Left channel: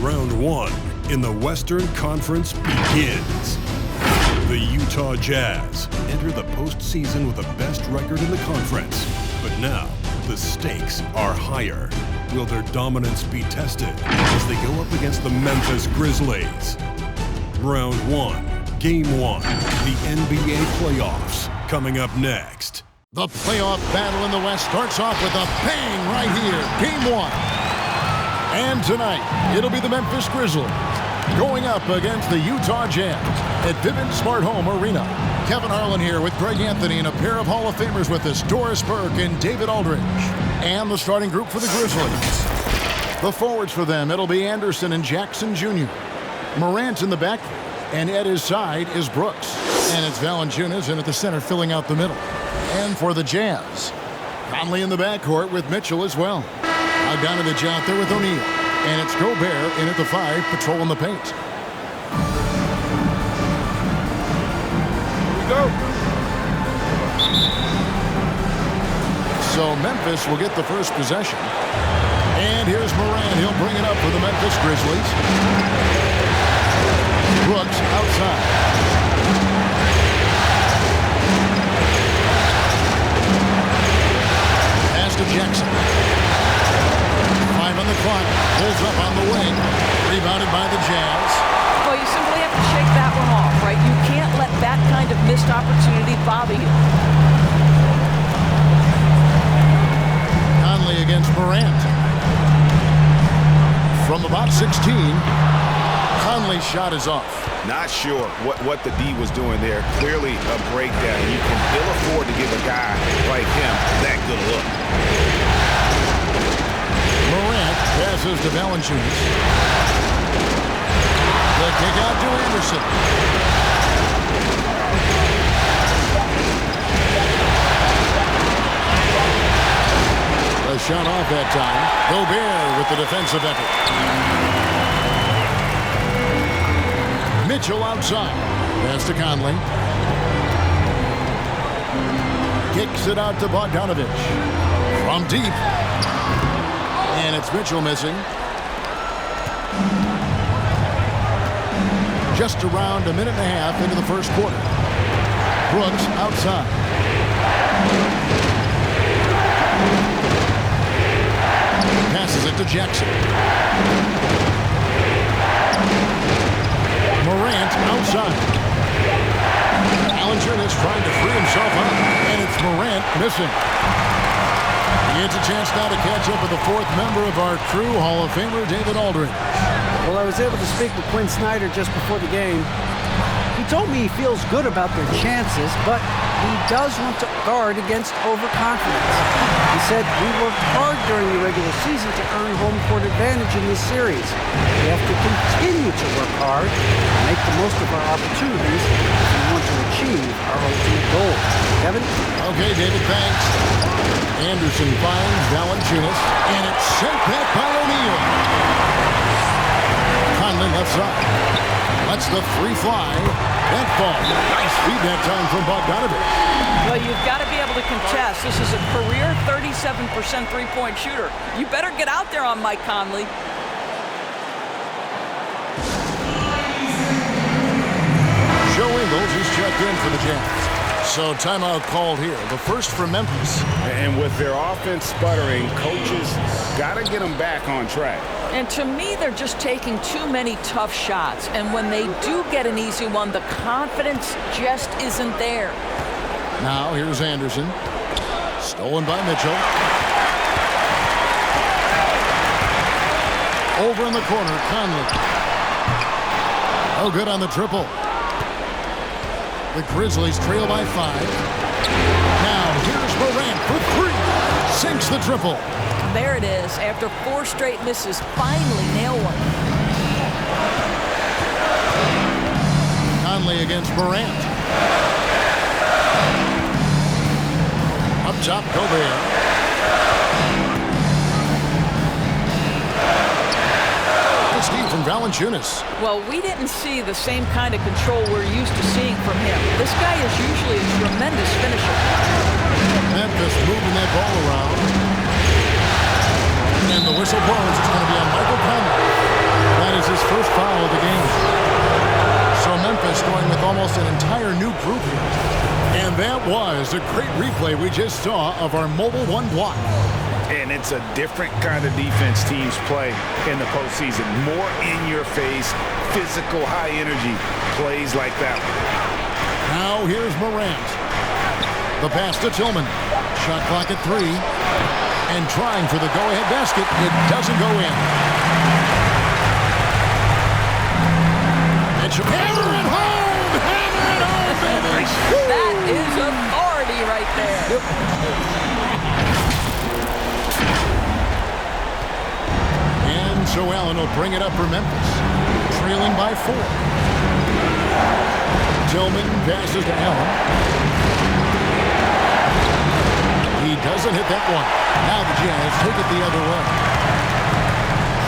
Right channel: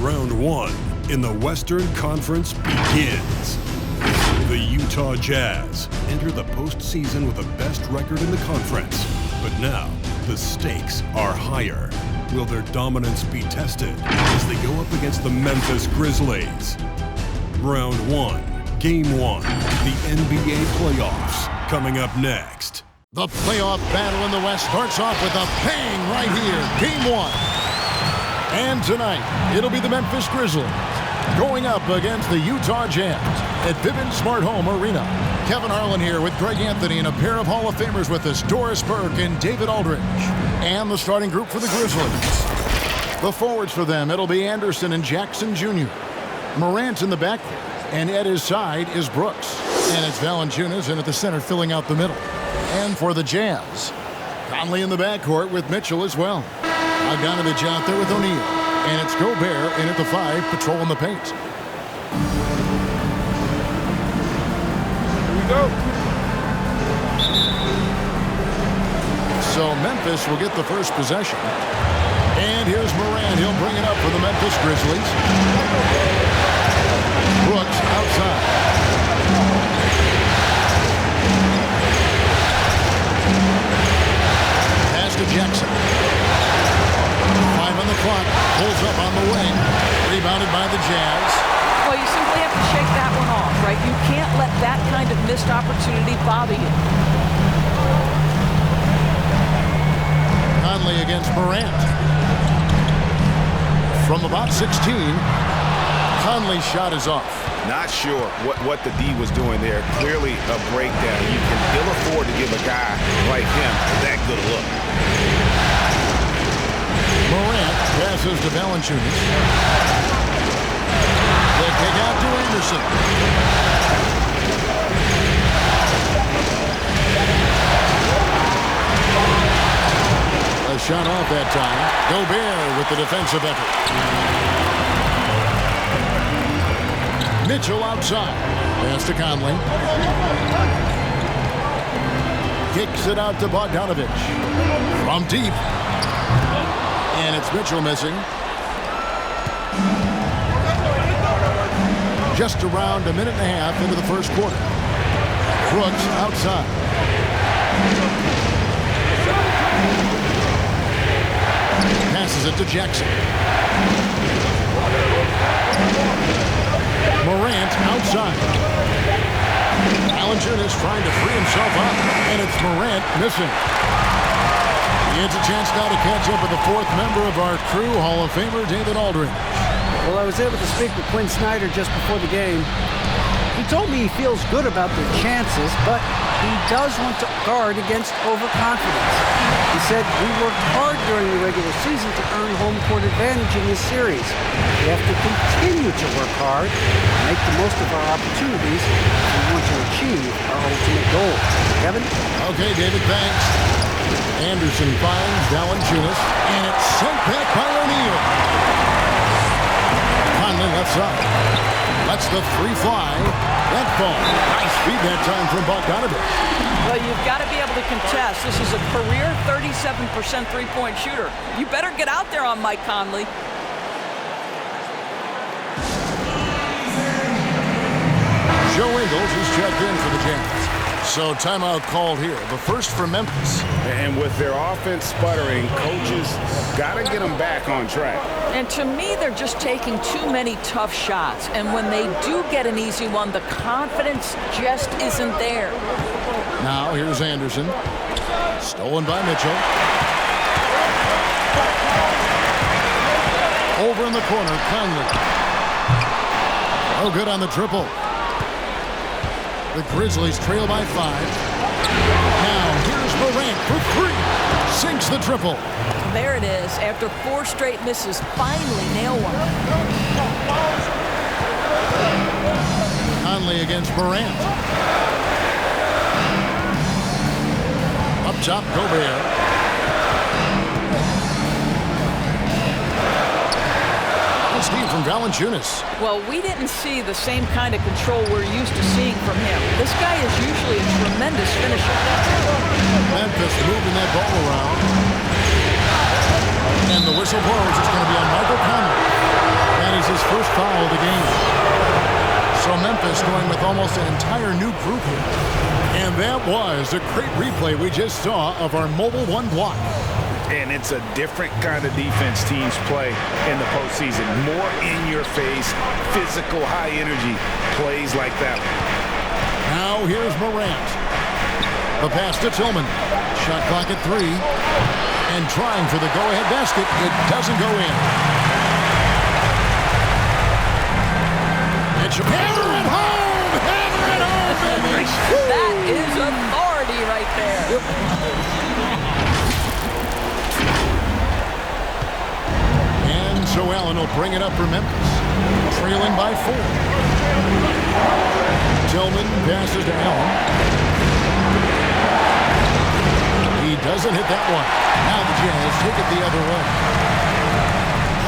Round one in the Western Conference begins. The Utah Jazz enter the postseason with the best record in the conference. But now, the stakes are higher. Will their dominance be tested as they go up against the Memphis Grizzlies? Round one, Game 1, the NBA playoffs, coming up next. The playoff battle in the West starts off with a bang right here. Game 1. And tonight, it'll be the Memphis Grizzlies going up against the Utah Jazz at Vivint Smart Home Arena. Kevin Harlan here with Greg Anthony and a pair of Hall of Famers with us, Doris Burke and David Aldridge. And the starting group for the Grizzlies. The forwards for them, it'll be Anderson and Jackson Jr. Morant in the backcourt, and at his side is Brooks. And it's Valanciunas in at the center filling out the middle. And for the Jazz, Conley in the backcourt with Mitchell as well. Bogdanovich out there with O'Neal. And it's Gobert in at the 5, patrolling the paint. Here we go. So Memphis will get the first possession. And here's Morant. He'll bring it up for the Memphis Grizzlies. Brooks outside. Pass to Jackson. 5 on the clock. Pulls up on the wing. Rebounded by the Jazz. Well, you simply have to shake that one off, right? You can't let that kind of missed opportunity bother you. Conley against Morant. From about 16, Conley's shot is off. Not sure what the D was doing there. Clearly a breakdown. You can ill afford to give a guy like him that good a look. Morant passes to Valanciunas. The kick out to Anderson. A shot off that time. Gobert with the defensive effort. Mitchell outside. Pass to Conley. Kicks it out to Bogdanovich. From deep. And it's Mitchell missing. Just around a minute and a half into the first quarter. Brooks outside. Passes it to Jackson. Morant outside. Valanciunas trying to free himself up. And it's Morant missing. He gets a chance now to catch up with the fourth member of our crew, Hall of Famer David Aldridge. Well, I was able to speak with Quinn Snyder just before the game. He told me he feels good about their chances, but he does want to guard against overconfidence. He said, we worked hard during the regular season to earn home court advantage in this series. We have to continue to work hard and make the most of our opportunities if we want to achieve our ultimate goal. Kevin? Okay, David, thanks. Anderson finds Valanciunas, and it's sent back by O'Neal. Conley left side. Lets the three fly. That ball. Nice feed that time from Bogdanovich. Well, you've got to be able to contest. This is a career 37% three-point shooter. You better get out there on Mike Conley. Joe Ingles is checked in for the Jazz. So timeout called here. The first for Memphis. And with their offense sputtering, coaches got to get them back on track. And to me, they're just taking too many tough shots. And when they do get an easy one, the confidence just isn't there. Now here's Anderson. Stolen by Mitchell. Over in the corner, Conley. Oh, good on the triple. The Grizzlies trail by 5. Now here's Morant for 3. Sinks the triple. There it is. After 4 straight misses, finally nail one. Conley against Morant. Up top, Gobert. Steve from Valanciunas. Well, we didn't see the same kind of control we're used to seeing from him. This guy is usually a tremendous finisher. Memphis moving that ball around. And the whistle blows. It's going to be on Michael Conley. That is his first foul of the game. So Memphis going with almost an entire new group here. And that was a great replay we just saw of our Mobile One block. And it's a different kind of defense teams play in the postseason. More in-your-face, physical, high-energy plays like that one. Now here's Morant. The pass to Tillman. Shot clock at 3. And trying for the go-ahead basket. It doesn't go in. Mitchell. Hammer it home! Hammer it home, baby! That is authority right there. And so Allen will bring it up for Memphis. Trailing by 4. Tillman passes to Allen. He doesn't hit that one. Now the Jazz take it the other way.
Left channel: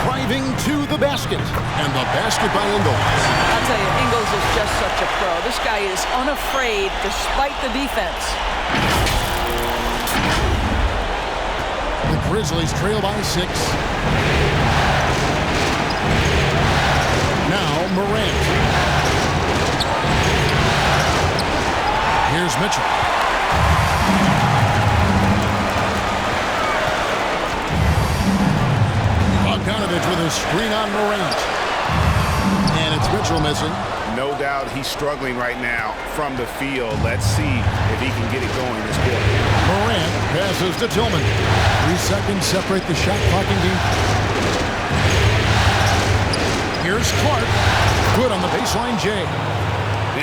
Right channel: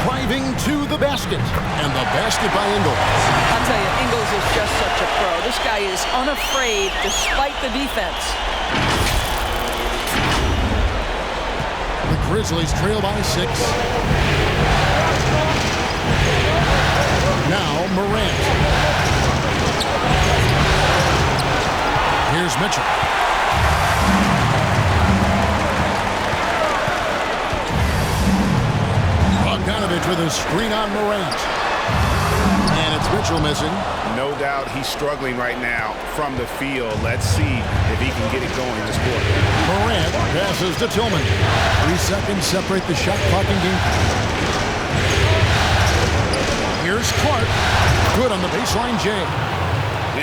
Driving to the basket. And the basket by Ingles. I'll tell you, Ingles is just such a pro. This guy is unafraid despite the defense. The Grizzlies trail by 6. Now Morant. Here's Mitchell. Bogdanovich with a screen on Morant. And it's Mitchell missing. No doubt he's struggling right now from the field. Let's see if he can get it going this quarter. Morant passes to Tillman. 3 seconds separate the shot clock and game. Here's Clark. Good on the baseline, Jay.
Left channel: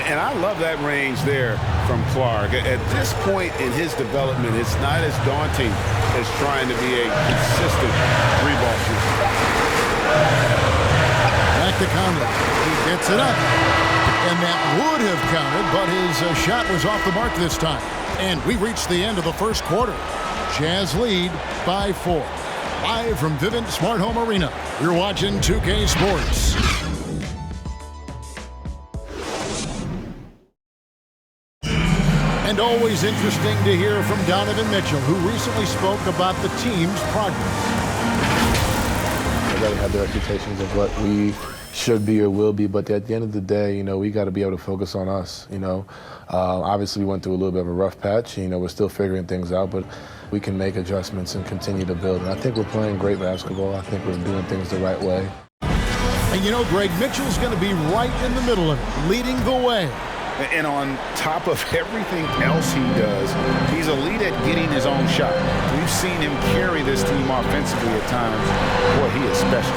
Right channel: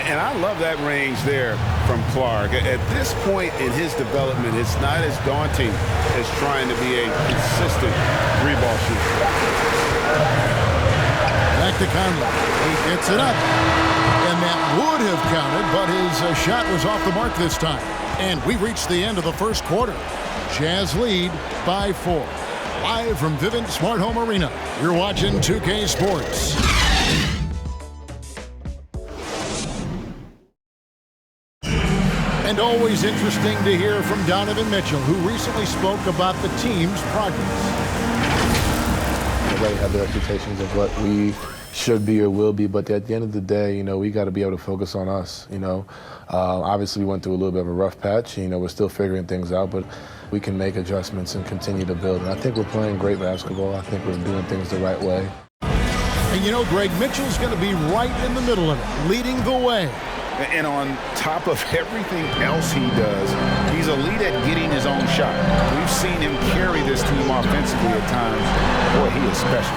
And I love that range there from Clark. At this point in his development, it's not as daunting as trying to be a consistent three-ball shooter. Back to Conley. He gets it up. And that would have counted, but his shot was off the mark this time. And we reached the end of the first quarter. Jazz lead by 4. Live from Vivint Smart Home Arena, you're watching 2K Sports. And always interesting to hear from Donovan Mitchell, who recently spoke about the team's progress. Everybody had their expectations of what we should be or will be, but at the end of the day, you know, we got to be able to focus on us. You know, obviously we went through a little bit of a rough patch. You know, we're still figuring things out, but we can make adjustments and continue to build. And I think we're playing great basketball. I think we're doing things the right way. And you know, Greg, Mitchell's going to be right in the middle of it, leading the way. And on top of everything else he does, he's elite at getting his own shot. We've seen him carry this team offensively at times. Boy, he is special.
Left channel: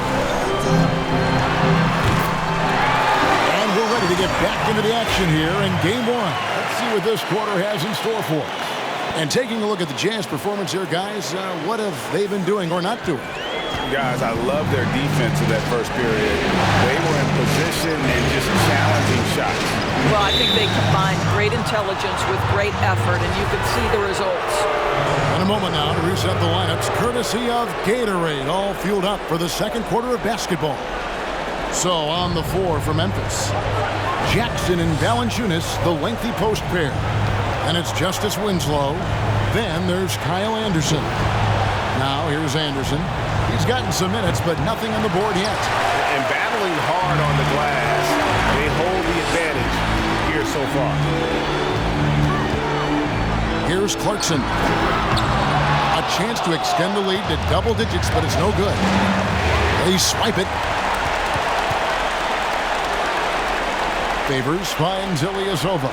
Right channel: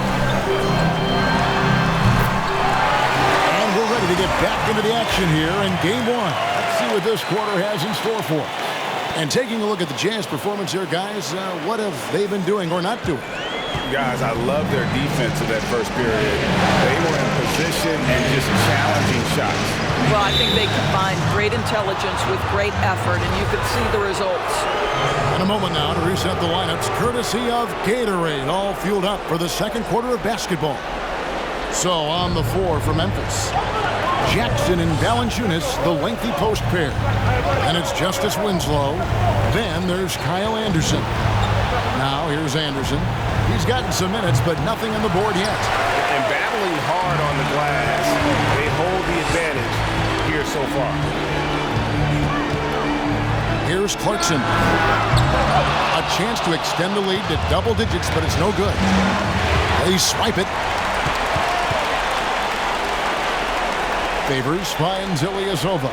And we're ready to get back into the action here in Game 1. Let's see what this quarter has in store for us. And taking a look at the Jazz performance here, guys, what have they been doing or not doing? Guys, I love their defense in that first period. They were in position and just challenging shots. Well, I think they combined great intelligence with great effort, and you could see the results. In a moment now to reset the lineups, courtesy of Gatorade, all fueled up for the second quarter of basketball. So on the floor for Memphis, Jackson and Valanciunas, the lengthy post pair. And it's Justice Winslow. Then there's Kyle Anderson. Now here's Anderson. He's gotten some minutes, but nothing on the board yet. And battling hard on the glass, they hold the advantage here so far. Here's Clarkson. A chance to extend the lead to double digits, but it's no good. They swipe it. Favors finds Ilyasova.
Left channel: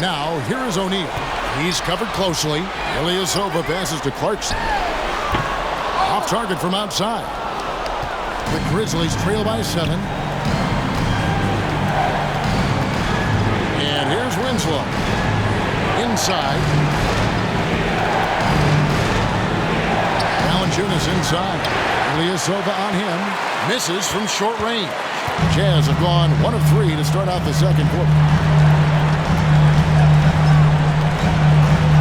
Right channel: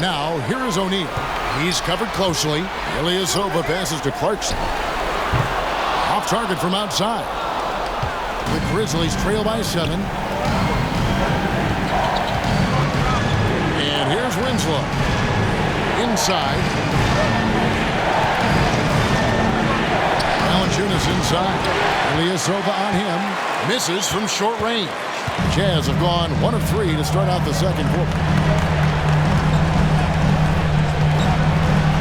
Now, here is O'Neal. He's covered closely. Ilyasova passes to Clarkson. Off target from outside. The Grizzlies trail by 7. And here's Winslow. Inside. Valanciunas inside. Ilyasova on him. Misses from short range. Jazz have gone 1 of 3 to start out the second quarter.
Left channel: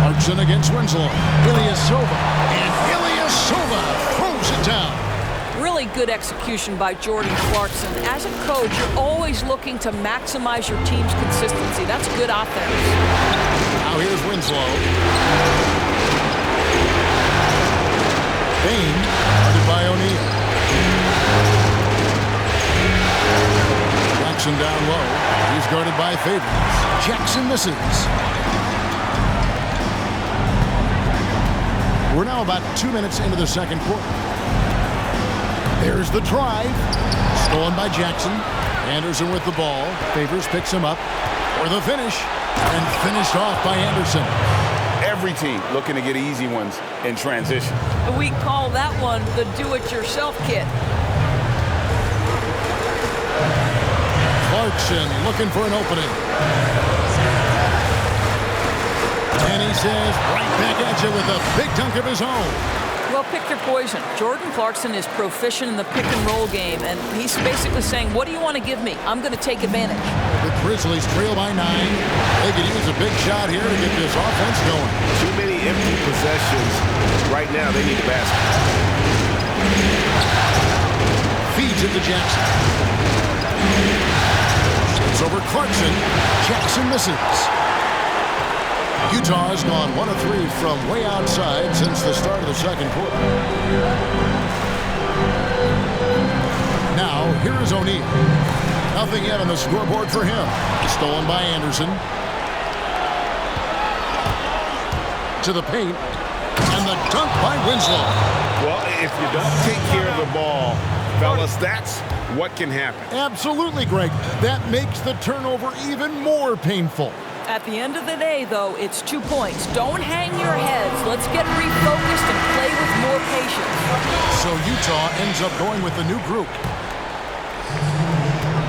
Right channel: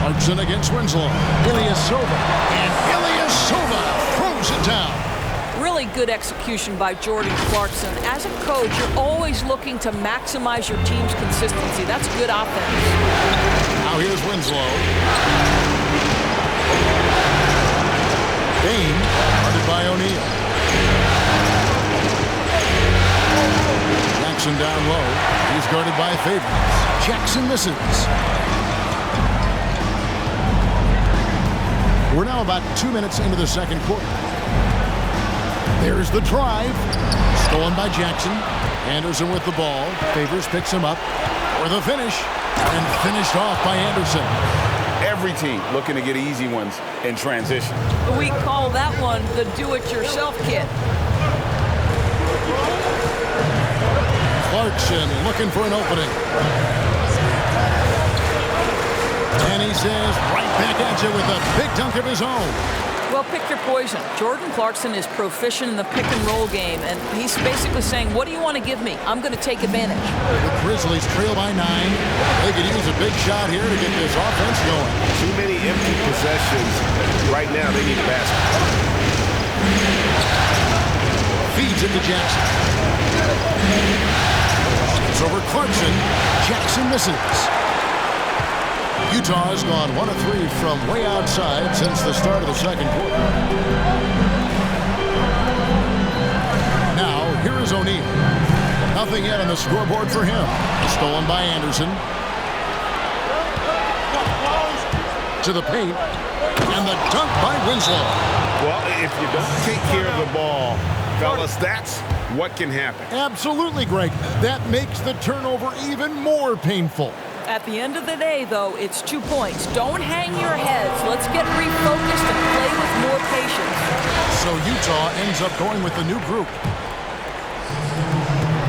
Clarkson against Winslow. Ilyasova. And Ilyasova throws it down. Really good execution by Jordan Clarkson. As a coach, you're always looking to maximize your team's consistency. That's good offense. Now here's Winslow. Bain, guarded guarded by O'Neal. Jackson down low. He's guarded by Favors. Jackson misses. We're now about 2 minutes into the second quarter. There's the drive. Stolen by Jackson. Anderson with the ball. Favors picks him up for the finish. And finished off by Anderson. Every team looking to get easy ones in transition. We call that one the do-it-yourself kit. Clarkson looking for an opening. And he says, right back at you with a big dunk of his own. Well, pick your poison. Jordan Clarkson is proficient in the pick-and-roll game, and he's basically saying, what do you want to give me? I'm going to take advantage. The Grizzlies trail by 9. They could use a big shot here to get this offense going. Too many empty possessions. Right now, they need a basket. Feeds it to Jackson. It's over Clarkson. Jackson misses. Utah has gone 1 of 3 from way outside since the start of the second quarter. Now, here is O'Neal. Nothing yet on the scoreboard for him. Stolen by Anderson. To the paint. And the dunk by Winslow. Well, if you don't take care of the ball, fellas, that's what can happen. Absolutely, Greg. That makes the turnover even more painful. At the end of the day, though, it's 2 points. Don't hang your heads. Let's get refocused and play with more patience. So Utah ends up going with the new group.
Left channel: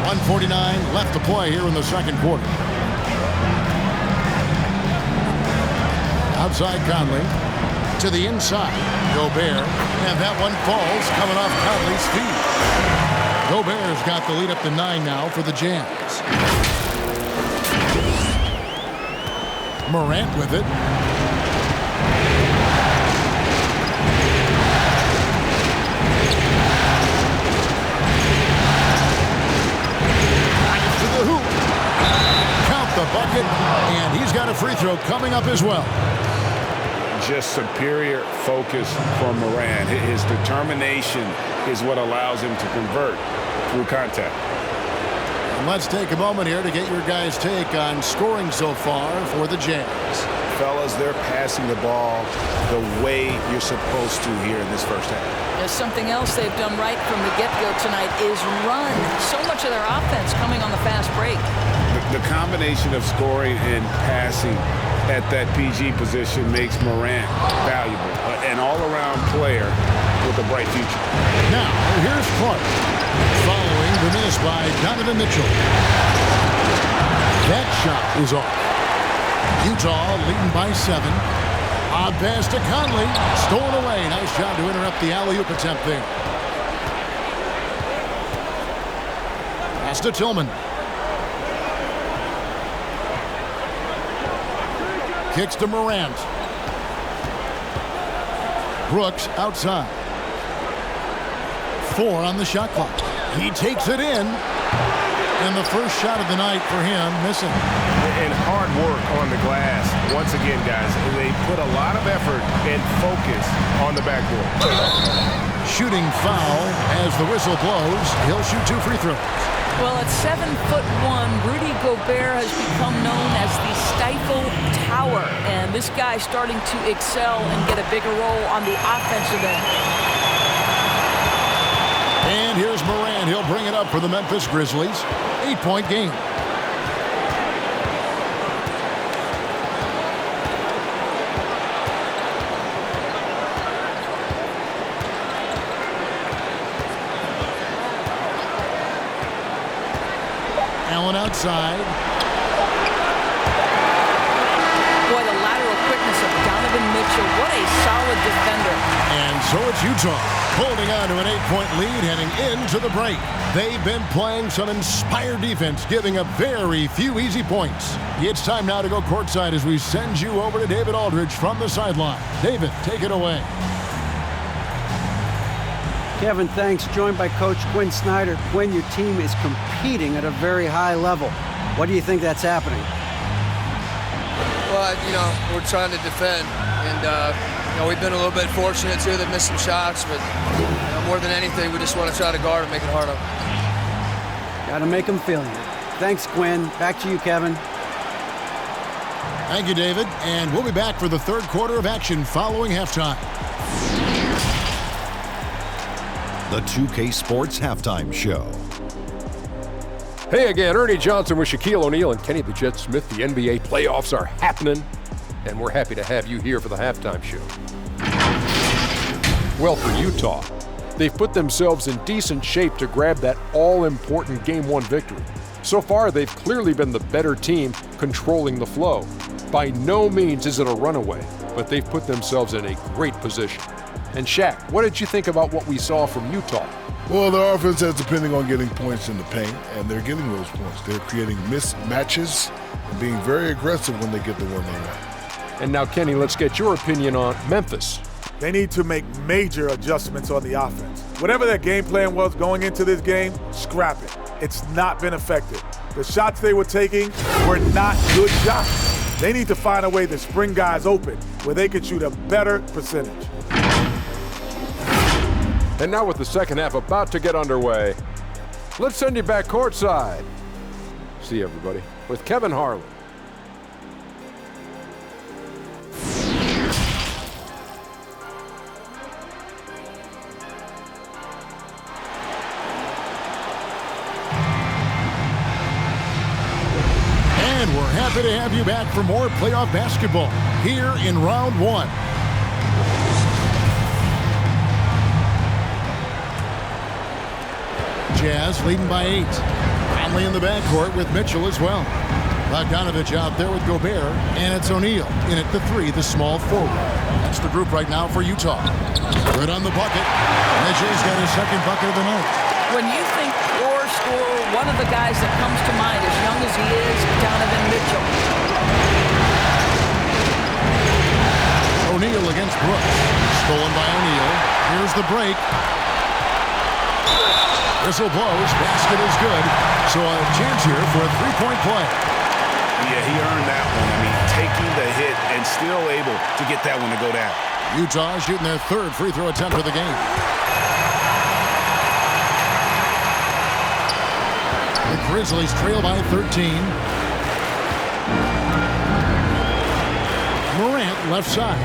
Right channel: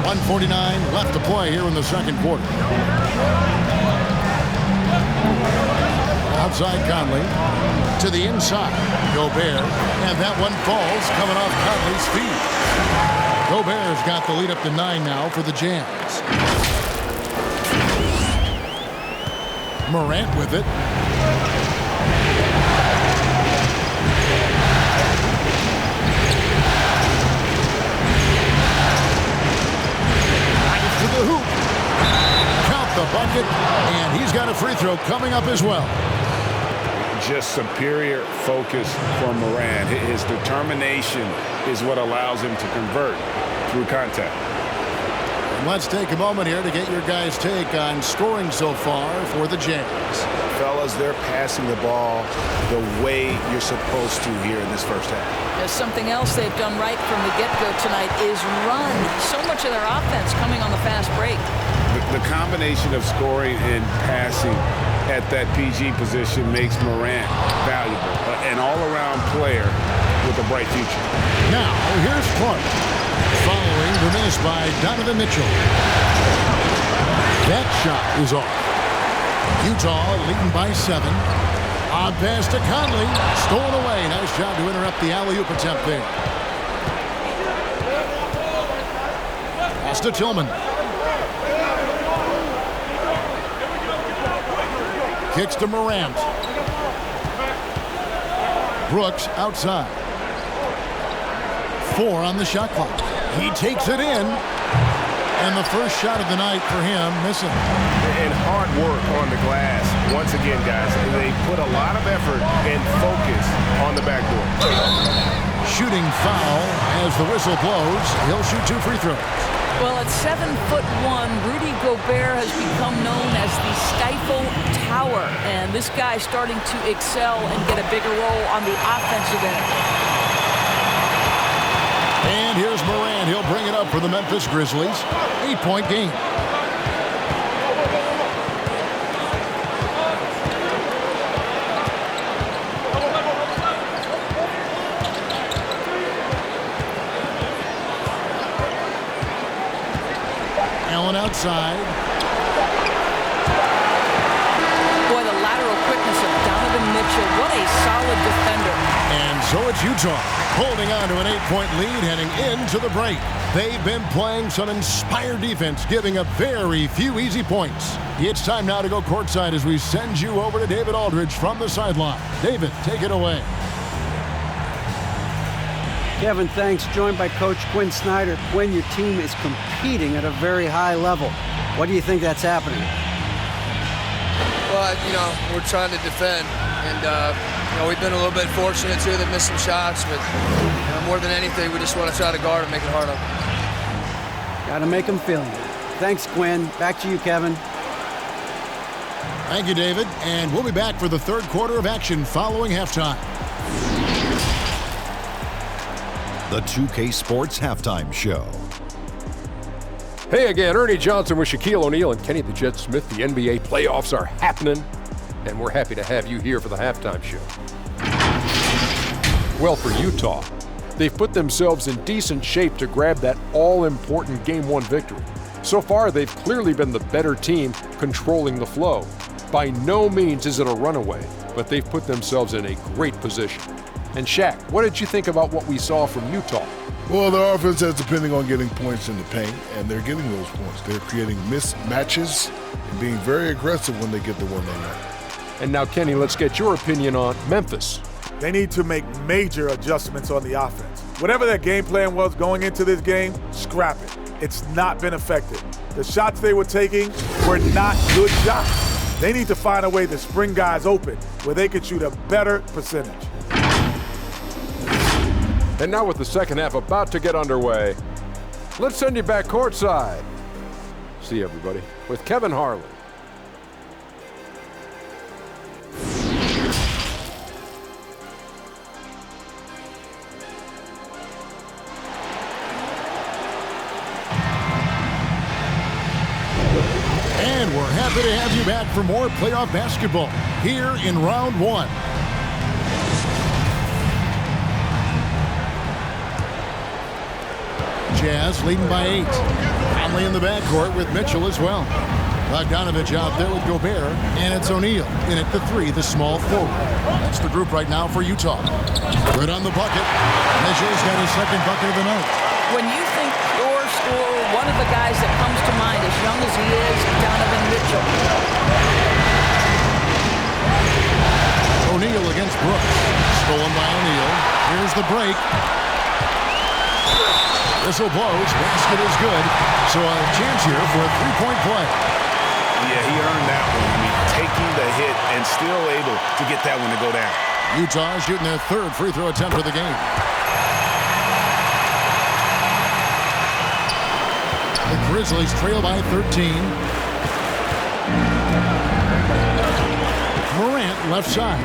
1:49 left to play here in the second quarter. Outside Conley. To the inside. Gobert. And that one falls coming off Conley's feet. Gobert's got the lead up to 9 now for the Jazz. Morant with it. Drives to the hoop. Count the bucket, and he's got a free throw coming up as well. Just superior focus from Morant. His determination is what allows him to convert through contact. And let's take a moment here to get your guys' take on scoring so far for the Jazz. Fellas, they're passing the ball the way you're supposed to here in this first half. There's something else they've done right from the get-go tonight is run. So much of their offense coming on the fast break. The combination of scoring and passing at that PG position makes Morant valuable. An all-around player with a bright future. Now, here's Clark. Following the miss by Donovan Mitchell. That shot is off. Utah leading by 7. Odd pass to Conley. Stolen away. Nice job to interrupt the alley-oop attempt there. Pass to Tillman. Kicks to Morant. Brooks outside. 4 on the shot clock. He takes it in. And the first shot of the night for him, missing. And hard work on the glass. Once again, guys, they put a lot of effort and focus on the backboard. Shooting foul as the whistle blows. He'll shoot 2 free throws. Well, at 7'1", Rudy Gobert has become known as the Stifle Tower. And this guy's starting to excel and get a bigger role on the offensive end. And here's Morant. He'll bring it up for the Memphis Grizzlies. 8-point game. Allen outside. Boy, the lateral quickness of Donovan Mitchell. What a solid defender. And so it's Utah holding on to an 8-point lead heading into the break. They've been playing some inspired defense, giving up very few easy points. It's time now to go courtside as we send you over to David Aldridge from the sideline. David, take it away. Kevin, thanks. Joined by Coach Quinn Snyder. Quinn, your team is competing at a very high level. What do you think that's happening? Well, we're trying to defend, and we've been a little bit fortunate too that missed some shots, but More than anything, we just want to try to guard and make it hard on them. Got to make them feel you. Thanks, Quinn. Back to you, Kevin. Thank you, David. And we'll be back for the third quarter of action following halftime. The 2K Sports Halftime Show. Hey again, Ernie Johnson with Shaquille O'Neal and Kenny the Jet Smith. The NBA playoffs are happening, and we're happy to have you here for the halftime show. Well, for Utah, they've put themselves in decent shape to grab that all-important Game 1 victory. So far, they've clearly been the better team controlling the flow. By no means is it a runaway, but they've put themselves in a great position. And Shaq, what did you think about what we saw from Utah? Well, their offense is depending on getting points in the paint, and they're getting those points. They're creating mismatches and being very aggressive when they get the one they want. And now, Kenny, let's get your opinion on Memphis. They need to make major adjustments on the offense. Whatever their game plan was going into this game, scrap it. It's not been effective. The shots they were taking were not good shots. They need to find a way to spring guys open where they can shoot a better percentage. And now with the second half about to get underway, let's send you back courtside. See everybody with Kevin Harlan. And we're happy to have you back for more playoff basketball here in round one. Jazz leading by 8. Conley in the backcourt with Mitchell as well. Bogdanovich out there with Gobert, and it's O'Neal in at the 3, the small forward. That's the group right now for Utah. Good on the bucket. Mitchell's got his second bucket of the night. When you think pure scorer, one of the guys that comes to mind, as young as he is, Donovan Mitchell. O'Neal against Brooks. Stolen by O'Neal. Here's the break. Whistle blows. Basket is good. So a chance here for a three-point play. Yeah, he earned that one. I mean, taking the hit and still able to get that one to go down. Utah shooting their third free throw attempt of the game. The Grizzlies trail by 13. Morant left side.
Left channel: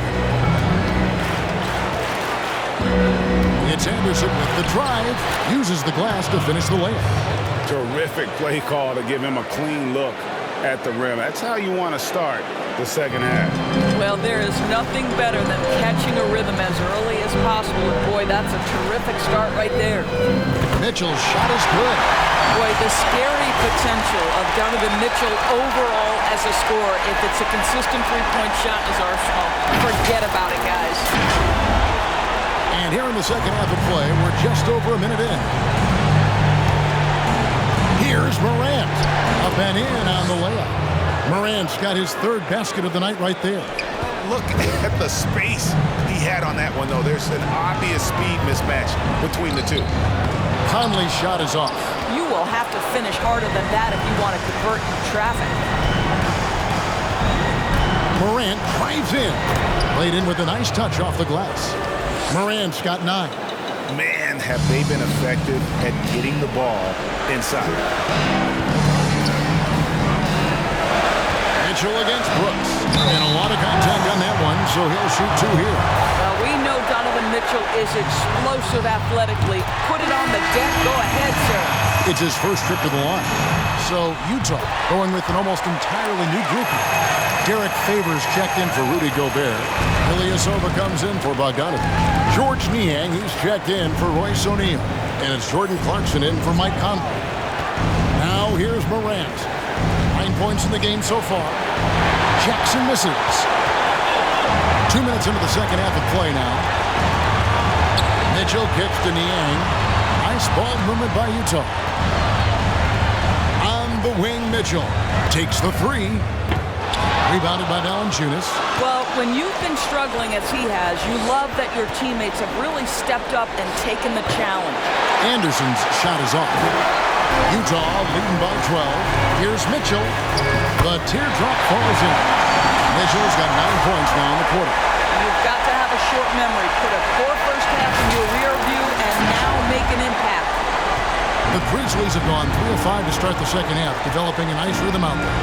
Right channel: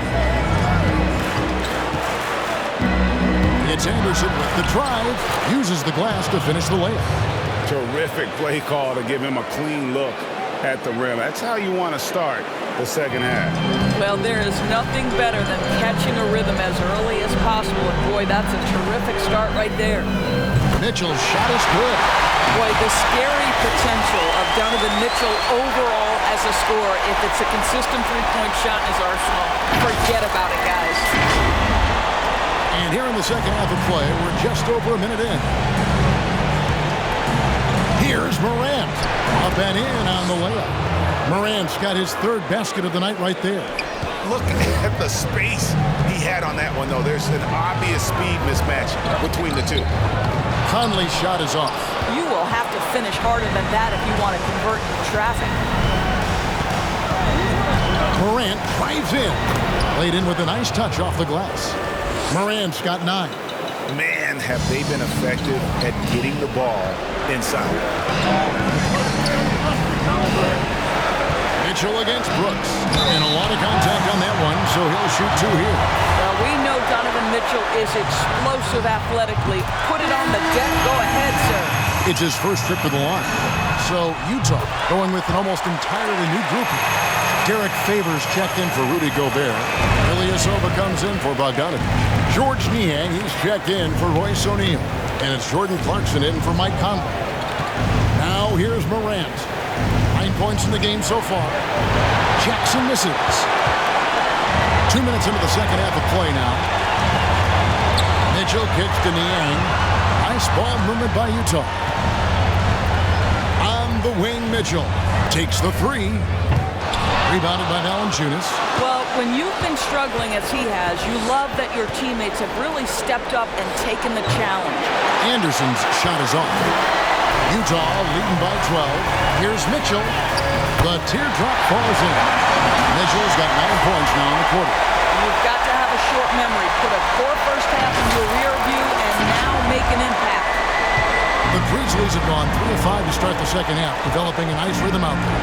It's Anderson with the drive. Uses the glass to finish the layup. Terrific play call to give him a clean look at the rim. That's how you want to start the second half. Well, there is nothing better than catching a rhythm as early as possible. And boy, that's a terrific start right there. Mitchell's shot is good. Boy, the scary potential of Donovan Mitchell overall as a scorer, if it's a consistent three-point shot in his arsenal, forget about it, guys. And here in the second half of play, we're just over a minute in. Here's Morant. Up and in on the layup. Morant's got his third basket of the night right there. Look at the space he had on that one, though. There's an obvious speed mismatch between the two. Conley's shot is off. You will have to finish harder than that if you want to convert in traffic. Morant drives in. Laid in with a nice touch off the glass. Morant's got 9. Man, have they been effective at getting the ball inside. Mitchell against Brooks. And a lot of contact on that one, so he'll shoot 2 here. Well, we know Donovan Mitchell is explosive athletically. Put it on the deck. Go ahead, sir. It's his first trip to the line. So Utah going with an almost entirely new grouping. Derek Favors checked in for Rudy Gobert. Ilyasova comes in for Bogdanovich. George Niang, he's checked in for Royce O'Neal. And it's Jordan Clarkson in for Mike Conley. Now here's Morant. 9 points in the game so far. Jackson misses. 2 minutes into the second half of play now. Mitchell kicks to Niang. Nice ball movement by Utah. On the wing, Mitchell takes the 3. Rebounded by Valanciunas. Well, when you've been struggling as he has, you love that your teammates have really stepped up and taken the challenge. Anderson's shot is off. Utah leading by 12. Here's Mitchell. The teardrop falls in. Mitchell's got 9 points now in the quarter. You've got to have a short memory. Put a core first half in your rear view and now make an impact. The Grizzlies have gone 3 of 5 to start the second half, developing a nice rhythm out there.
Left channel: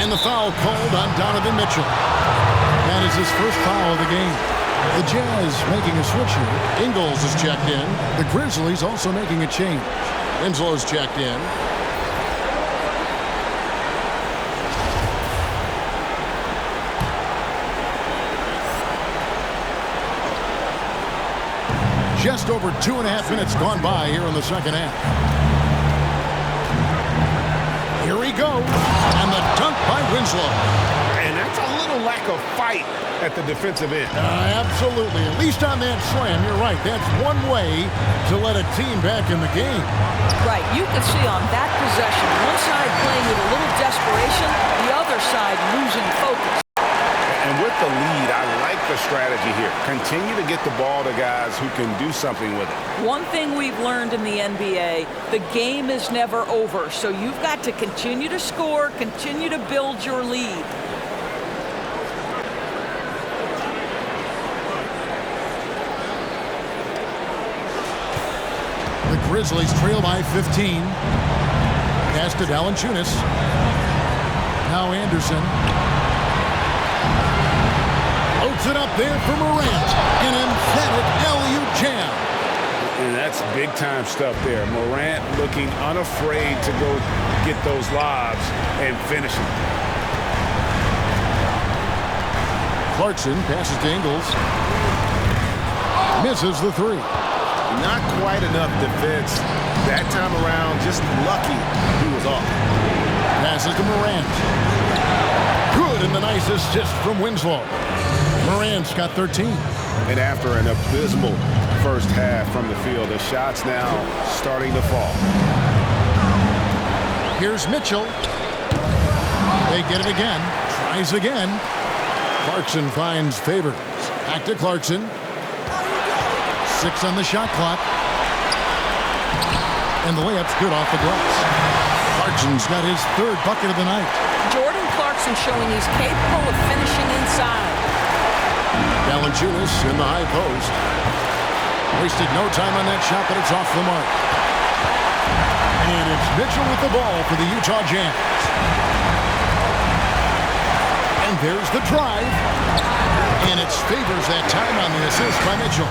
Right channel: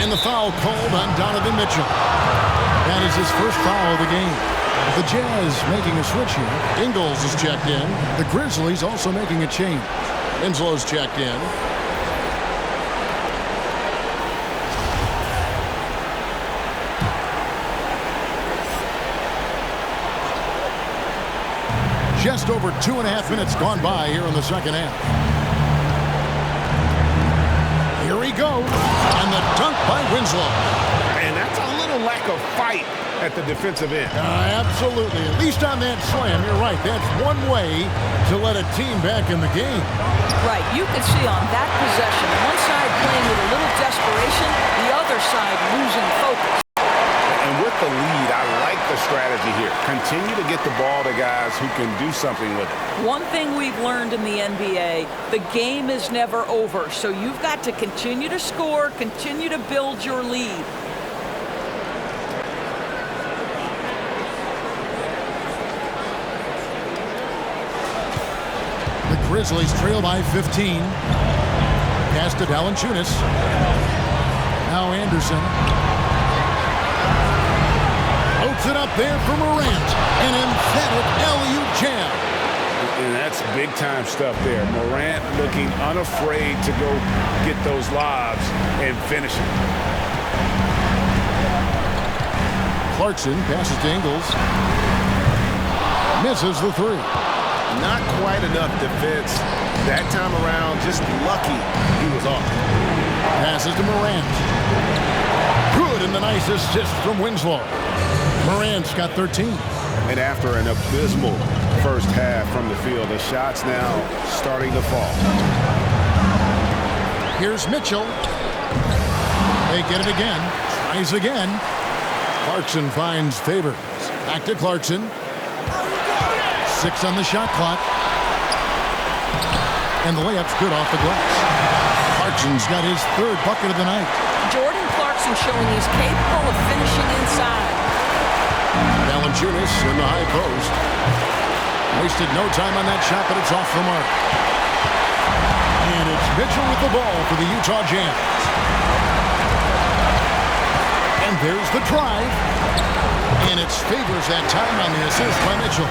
And the foul called on Donovan Mitchell. That is his first foul of the game. The Jazz making a switch here. Ingles is checked in. The Grizzlies also making a change. Winslow's checked in. Just over 2.5 minutes gone by here in the second half. Here he goes, and the dunk by Winslow. And that's a little lack of fight at the defensive end. Absolutely. At least on that slam, you're right. That's one way to let a team back in the game. Right. You could see on that possession, one side playing with a little desperation, the other side losing focus. And with the lead, I like the strategy here. Continue to get the ball to guys who can do something with it. One thing we've learned in the NBA, the game is never over. So you've got to continue to score, continue to build your lead. The Grizzlies trail by 15. Pass to Valanciunas. Now Anderson. Loads it up there for Morant. An emphatic alley-oop jam. And that's big-time stuff there. Morant looking unafraid to go get those lobs and finish it. Clarkson passes to Ingles. Misses the three. Not quite enough defense that time around. Just lucky he was off. Passes to Morant. Good, and the nice assist from Winslow. Morant's got 13. And after an abysmal first half from the field, the shots now starting to fall. Here's Mitchell. They get it again. Tries again. Clarkson finds Favors. Back to Clarkson. 6 on the shot clock. And the layup's good off the glass. Clarkson's got his 3rd bucket of the night. Jordan Clarkson showing he's capable of finishing inside. Valanciunas in the high post. Wasted no time on that shot, but it's off the mark. And it's Mitchell with the ball for the Utah Jazz. And there's the drive. And it's Favors that time on the assist by Mitchell.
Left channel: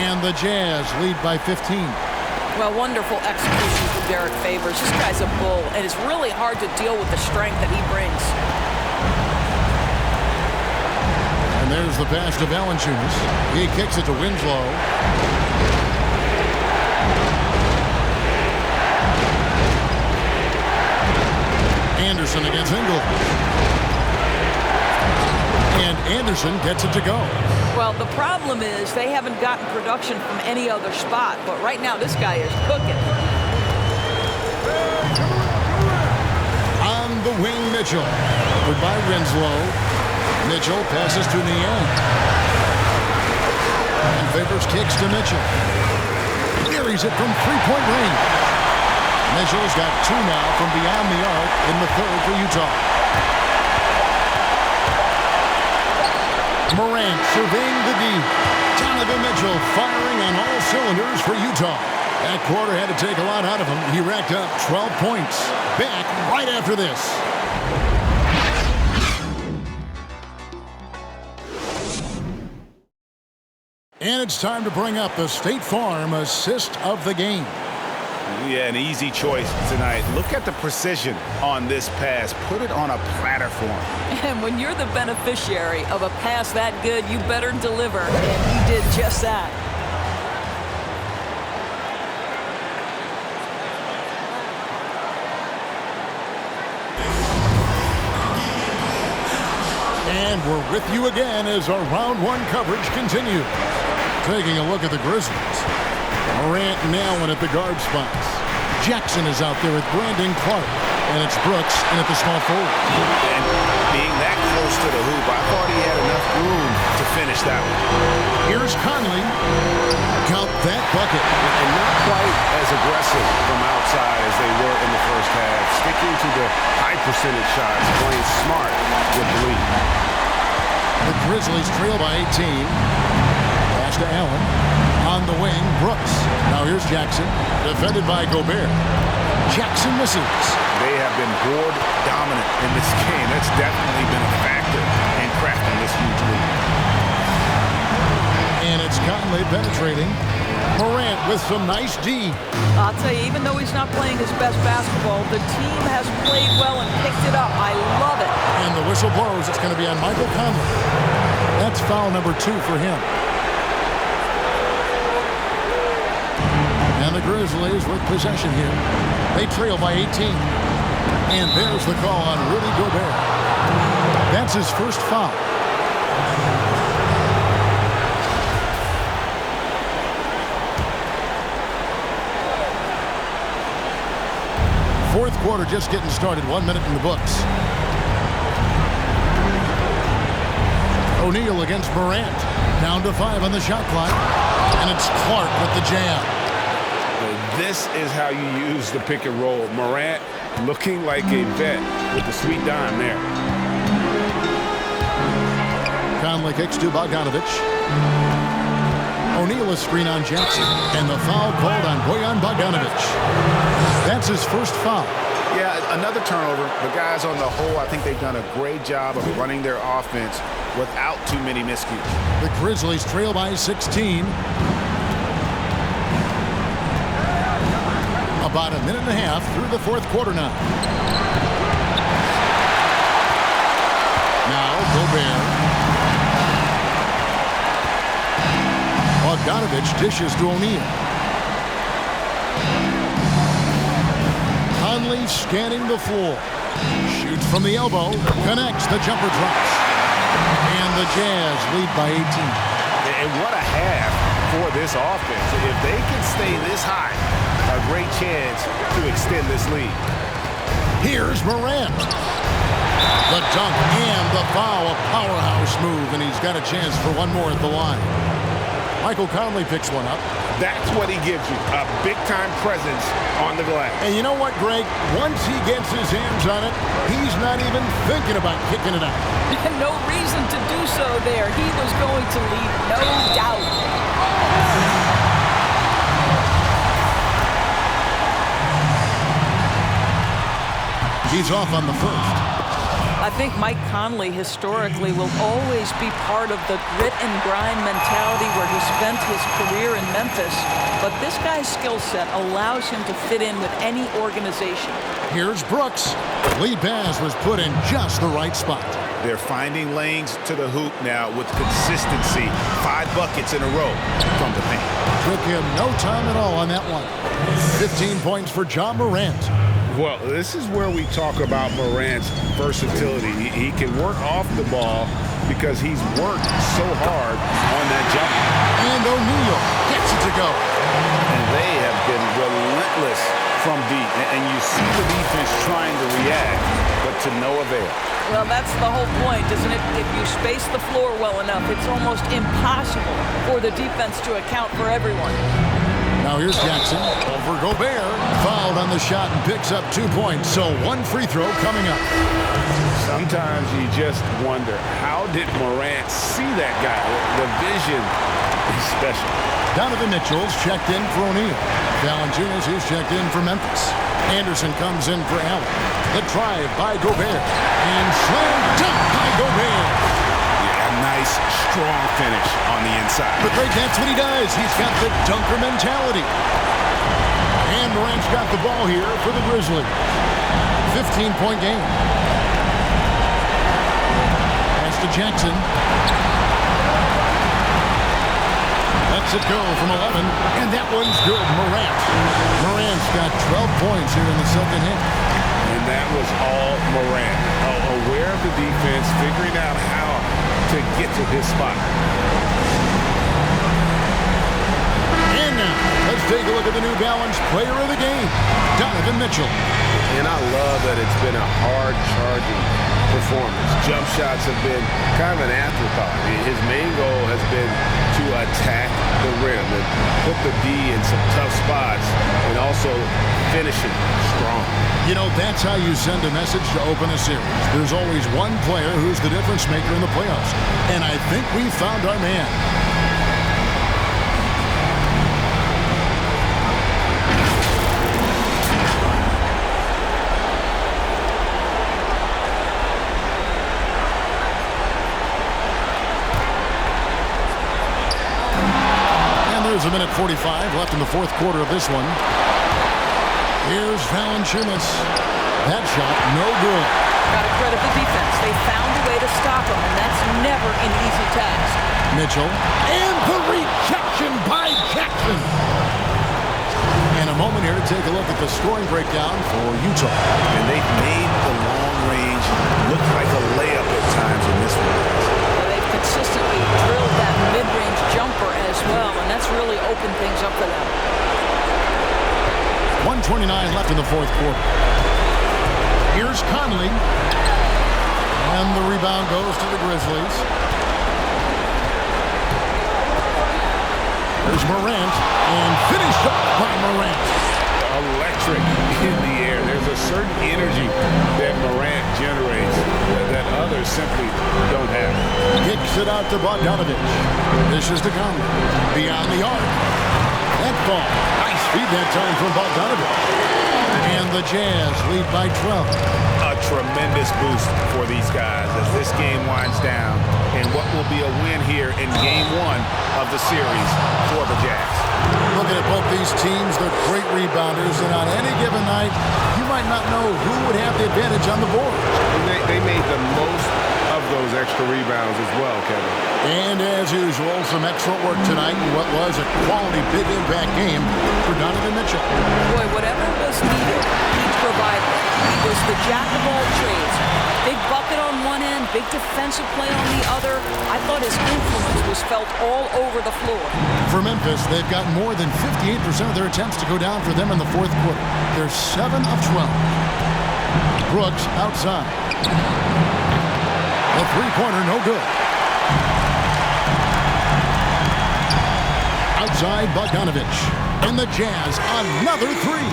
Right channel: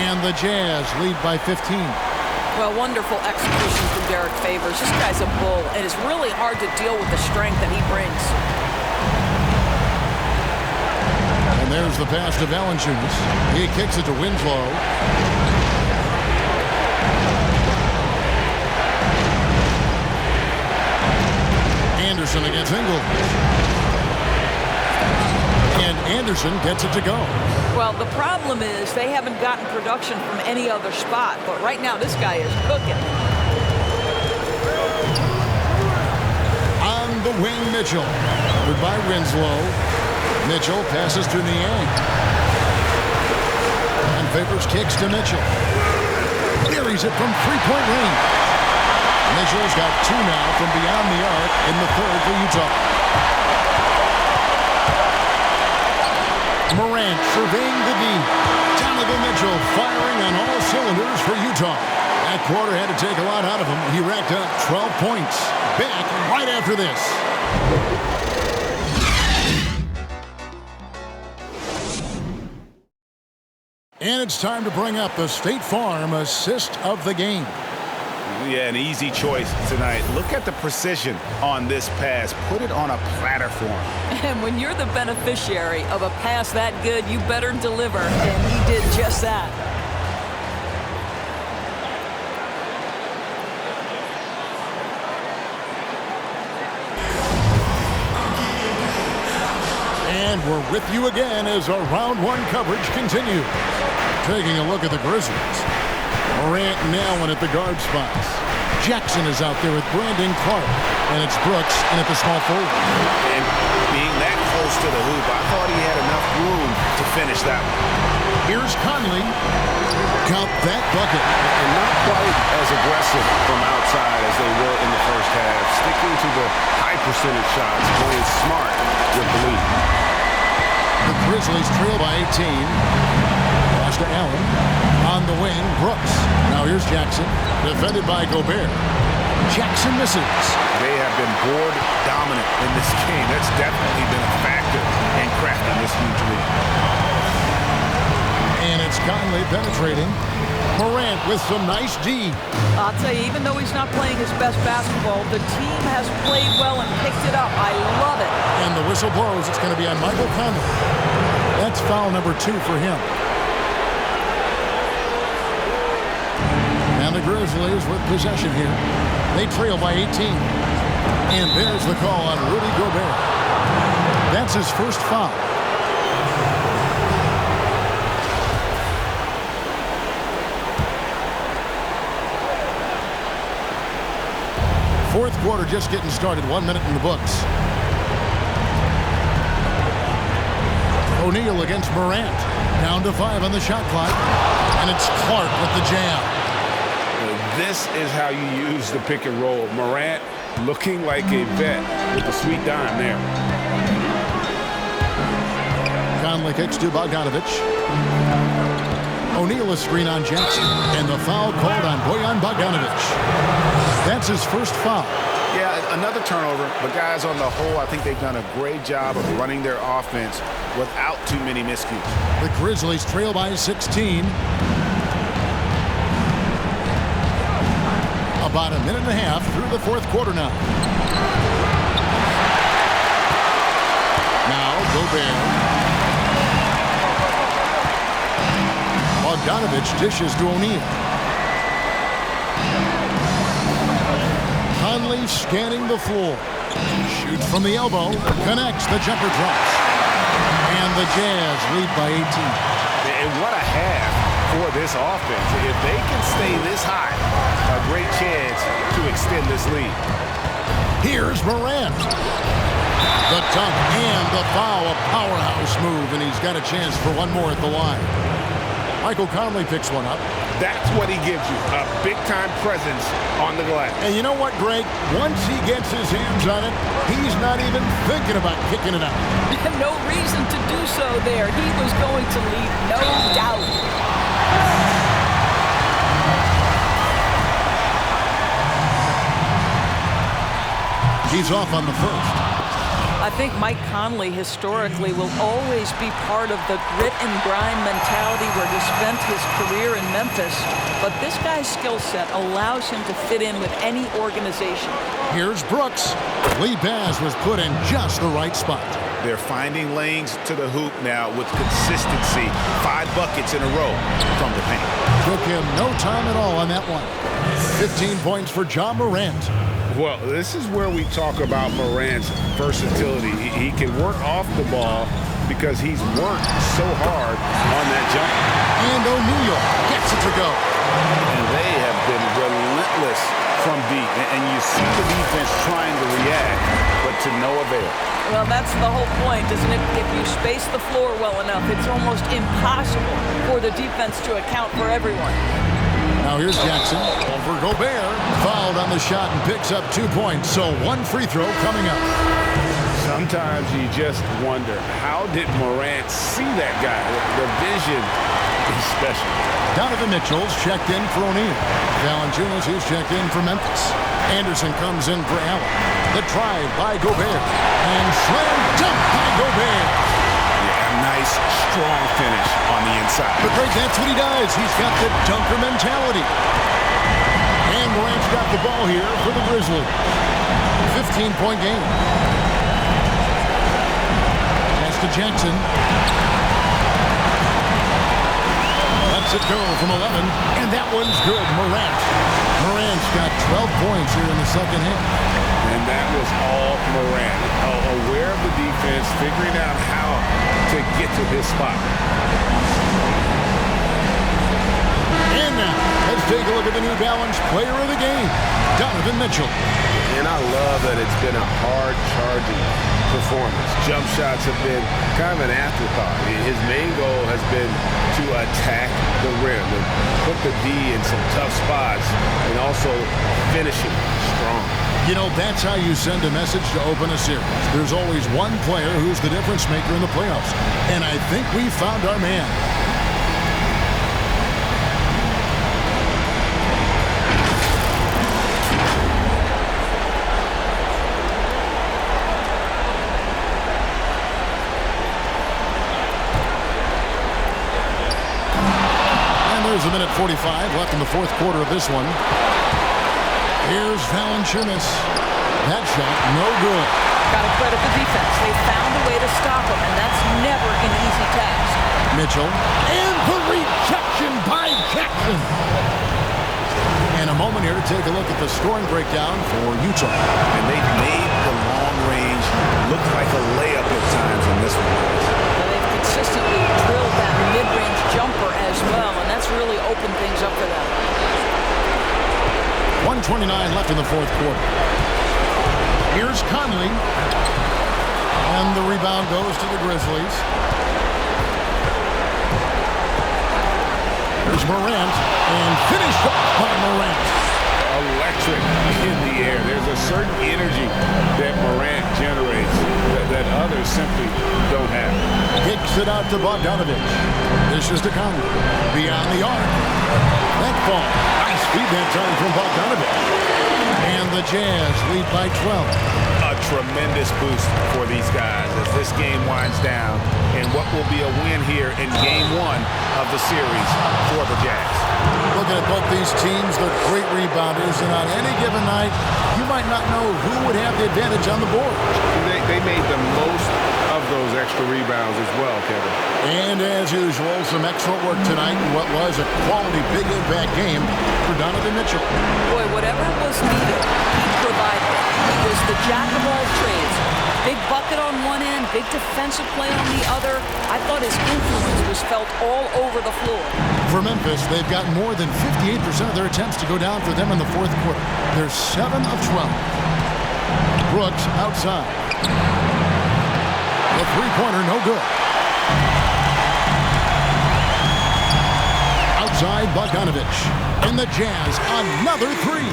And the Jazz lead by 15. Well, wonderful execution from Derek Favors. This guy's a bull, and it's really hard to deal with the strength that he brings. And there's the pass to Valanciunas. He kicks it to Winslow. Anderson against Ingles. And Anderson gets it to go. Well, the problem is they haven't gotten production from any other spot, but right now this guy is cooking. On the wing, Mitchell. Covered by Winslow. Mitchell passes to Niang. And Favors kicks to Mitchell. Carries it from three-point range. Mitchell's got 2 now from beyond the arc in the 3rd for Utah. Morant surveying the D. Donovan Mitchell firing on all cylinders for Utah. That quarter had to take a lot out of him. He racked up 12 points. Back right after this. And it's time to bring up the State Farm assist of the game. Yeah, an easy choice tonight. Look at the precision on this pass. Put it on a platter for him. And when you're the beneficiary of a pass that good, you better deliver. And he did just that. And we're with you again as our round 1 coverage continues. Taking a look at the Grizzlies. Morant and Allen at the guard spots. Jackson is out there with Brandon Clark. And it's Brooks in at the small forward. And being that close to the hoop, I thought he had enough room to finish that one. Here's Conley. Count that bucket. And not quite as aggressive from outside as they were in the first half. Sticking to the high percentage shots, playing smart with the lead. The Grizzlies trail by 18. Pass to Allen. On the wing, Brooks. Now here's Jackson. Defended by Gobert. Jackson misses. They have been board dominant in this game. That's definitely been a factor in crafting this huge lead. And it's Conley penetrating. Morant with some nice D. I'll tell you, even though he's not playing his best basketball, the team has played well and picked it up. I love it. And the whistle blows. It's going to be on Michael Conley. That's foul number 2 for him. And the Grizzlies with possession here. They trail by 18. And there's the call on Rudy Gobert. That's his first foul. Fourth quarter just getting started. 1 minute in the books. O'Neal against Morant. Down to 5 on the shot clock. And it's Clark with the jam. This is how you use the pick and roll. Morant looking like a vet with the sweet dime there. Conley kicks to Bogdanovich. O'Neal a screen on Jackson. And the foul called on Bojan Bogdanovich. That's his first foul. Yeah, another turnover. But guys, on the whole, I think they've done a great job of running their offense without too many miscues. The Grizzlies trail by 16. About a minute and a half through the fourth quarter now. Now Gobert. Bogdanovich dishes to O'Neal. Conley scanning the floor. Shoots from the elbow. Connects. The jumper drops. And the Jazz lead by 18. And what a half for this offense. If they can stay this high, a great chance to extend this lead. Here's Morant. The dunk and the foul. A powerhouse move, and he's got a chance for one more at the line. Michael Conley picks one up. That's what he gives you, a big-time presence on the glass. And you know what, Greg? Once he gets his hands on it, he's not even thinking about kicking it out. No reason to do so there. He was going to leave, no doubt. He's off on the first. I think Mike Conley historically will always be part of the grit and grind mentality where he spent his career in Memphis. But this guy's skill set allows him to fit in with any organization. Here's Brooks. Lead pass was put in just the right spot. They're finding lanes to the hoop now with consistency. 5 buckets in a row from the paint. Took him no time at all on that one. 15 points for John Morant. Well, this is where we talk about Morant's versatility. He can work off the ball because he's worked so hard on that jumper. And O'Neal gets it to go. And they have been relentless from deep. And you see the defense trying to react, but to no avail. Well, that's the whole point, isn't it? If you space the floor well enough, it's almost impossible for the defense to account for everyone. Now here's Jackson over Gobert. Fouled on the shot and picks up 2 points. So 1 free throw coming up. Sometimes you just wonder, how did Morant see that guy? The vision is special. Donovan Mitchell's checked in for O'Neal. Valanciunas, who's checked in for Memphis. Anderson comes in for Allen. The drive by Gobert. And slam dunk by Gobert. Yeah, a nice, strong finish on the inside. But Greg, that's what he does. He's got the dunker mentality. And Morant's got the ball here for the Grizzlies. 15-point game. Pass to Jackson. Lets it go from 11. And that one's good. Morant's got 12 points here in the second half. And that was all Morant. Aware of the defense, figuring out how to get to his spot. And now, let's take a look at the New Balance player of the game, Donovan Mitchell. And I love that it's been a hard-charging performance. Jump shots have been kind of an afterthought. His main goal has been to attack the rim and put the D in some tough spots and also finishing strong. You know, that's how you send a message to open a series. There's always one player who's the difference maker in the playoffs. And I think we found our man. And there's a minute 45 left in the fourth quarter of this one. Here's Valanciunas. That shot, no good. Got to credit the defense. They found a way to stop him, and that's never an easy task. Mitchell. And the rejection by Jackson. And a moment here to take a look at the scoring breakdown for Utah. And they've made the long range look like a layup at times in this one. So they've consistently drilled that mid-range jumper as well, and that's really opened things up for them. 1:29 left in the fourth quarter. Here's Conley. And the rebound goes to the Grizzlies. There's Morant. And finished up by Morant. Electric in the air. There's a certain energy that Morant generates that others simply don't have. Kicks it out to Bogdanovich. This is to Conley. Beyond the arc. That ball. Nice feed that time from Bogdanovich. And the Jazz lead by 12. A tremendous boost for these guys as this game winds down and what will be a win here in game one of the series for the Jazz. Looking at both these teams, they're great rebounders, and on any given night, you might not know who would have the advantage on the board. They made the most of those extra rebounds as well, Kevin. And as usual, some excellent work tonight in what was a quality big impact game for Donovan Mitchell. Boy, whatever was needed, he provided it. He was the jack of all trades. Big bucket on one end, big defensive play on the other. I thought his influence was felt all over the floor. For Memphis, they've got more than 58% of their attempts to go down for them in the fourth quarter. They're 7 of 12. Brooks outside. The three-pointer, no good. Outside, Bogdanovich. And the Jazz, another three.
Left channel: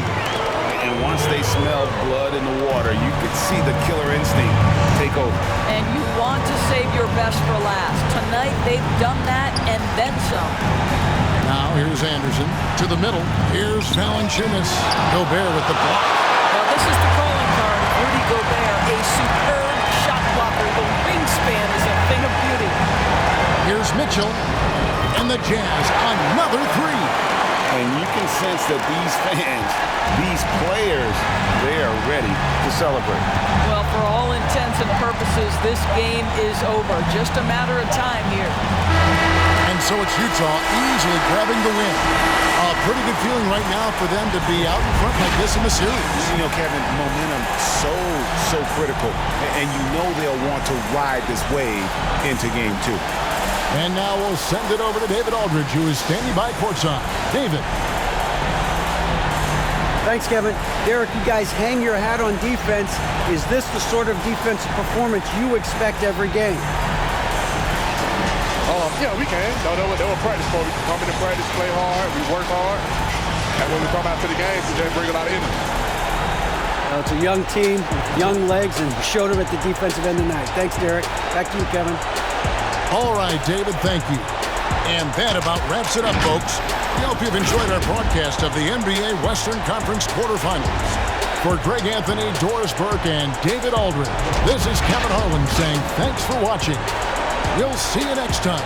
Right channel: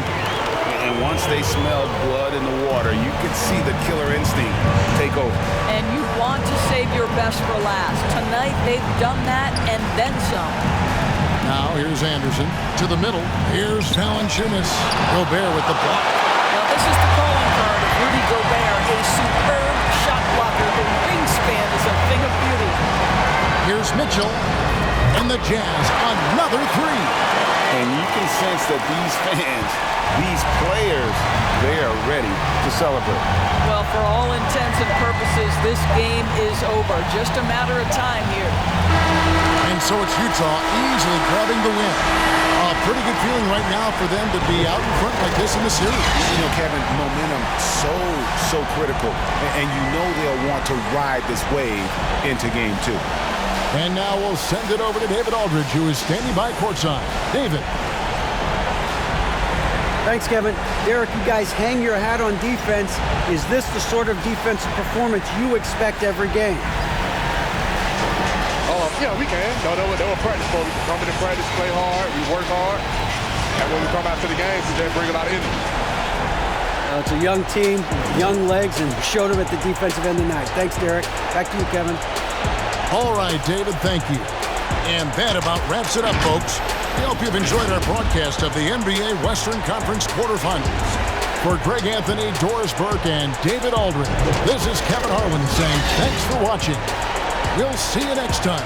And once they smelled blood in the water, you could see the killer instinct take over. And you want to save your best for last. Tonight, they've done that and then some. Now, here's Anderson. To the middle. Here's Valanciunas. Gobert with the block. Now, this is the calling card of Rudy Gobert, a superb shot blocker. The wingspan is a thing of beauty. Here's Mitchell. And the Jazz, another three. And you can sense that these fans, these players, they are ready to celebrate. Well, for all intents and purposes, this game is over. Just a matter of time here. And so it's Utah easily grabbing the win. A pretty good feeling right now for them to be out in front like this in the series. You know, Kevin, momentum so critical. And you know they'll want to ride this wave into game two. And now we'll send it over to David Aldridge, who is standing by courtside. David. Thanks, Kevin. Derek, you guys hang your hat on defense. Is this the sort of defensive performance you expect every game? Yeah, we can. No, they were practice for. We come in and practice, play hard, we work hard. And when we come out to the games, we just bring a lot of energy. It's a young team, young legs, and we showed them at the defensive end tonight. Thanks, Derek. Back to you, Kevin. All right, David, thank you. And that about wraps it up, folks. We hope you've enjoyed our broadcast of the NBA Western Conference quarterfinals. For Greg Anthony, Doris Burke, and David Aldridge, this is Kevin Harlan saying thanks for watching. We'll see you next time.